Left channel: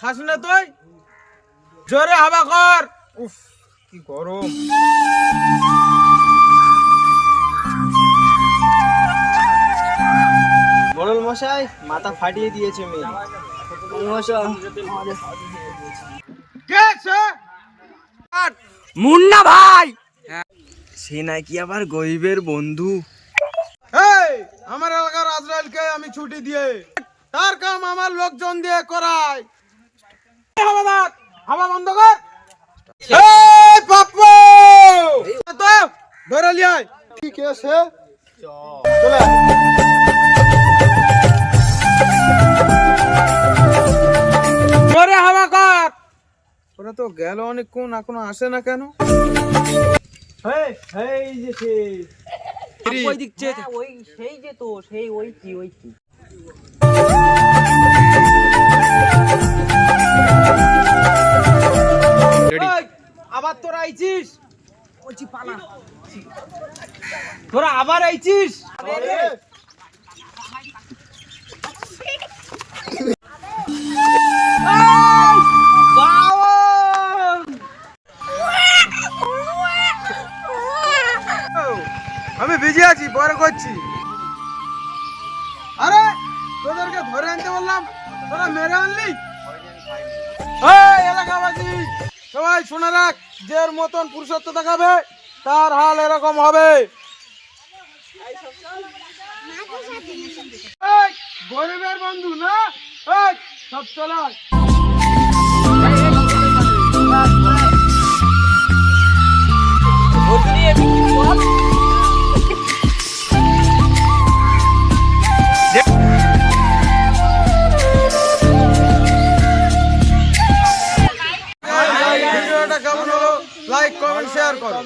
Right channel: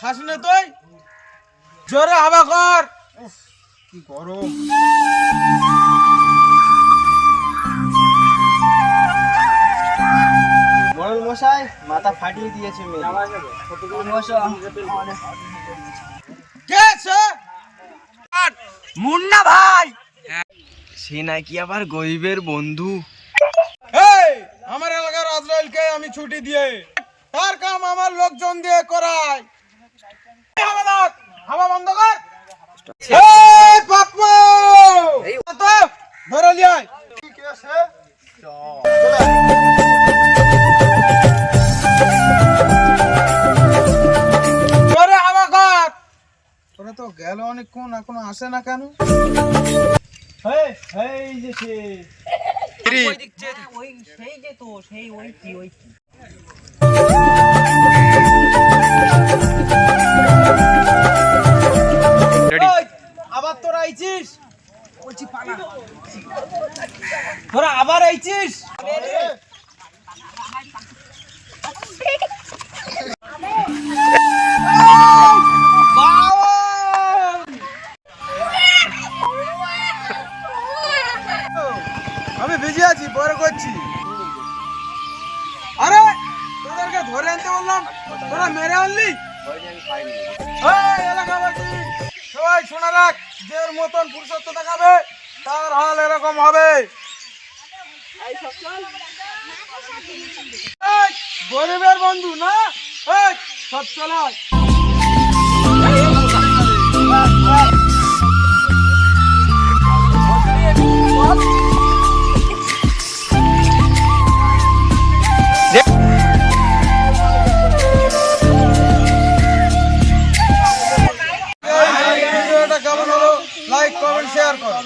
খাস না তুই? জোরে হাওয়া কর। উফ কি গরম। মোড়ল মশাই মাথা ফাটিয়ে দিয়েছে মেয়ে। কে সে? মুন্না ভাই, সে নাকি আবার গরিবের বন্ধু। এই আমার এলাকার আজরাইলকে আমি ছুটি দিয়ে তার কাম আমার লোকজন দিয়ে করাই। হাওয়াদার হাওয়া বন্ধ কর। এই পাপ্পু তো ধরে লিয়াই। কি কেছে? জোরে হাওয়া কর। ওরা তো গেল অনেকক্ষণ, এখনো আসে না কেন? এই যে সে ওই দিকছে, ওই সেই যে তো সেই ওইটি। আবার তোরা আইছিস? বলছি পালা। তোরা আবার আইছিস? আমি বিজি আছি, পরে করছি। আরে তোদেরকে ধরে আনতে বললাম, তোরা মেরে আনলি। এলাকাবাসী সবাই শোনা রাখ, যে মতন পুরুষত্ব দেখাবে তার হাল এরকম হবে। গরিবের বন্ধু না, সব চলায়। ভিডিওটা কেমন হলো লাইক কমেন্ট শেয়ার করো।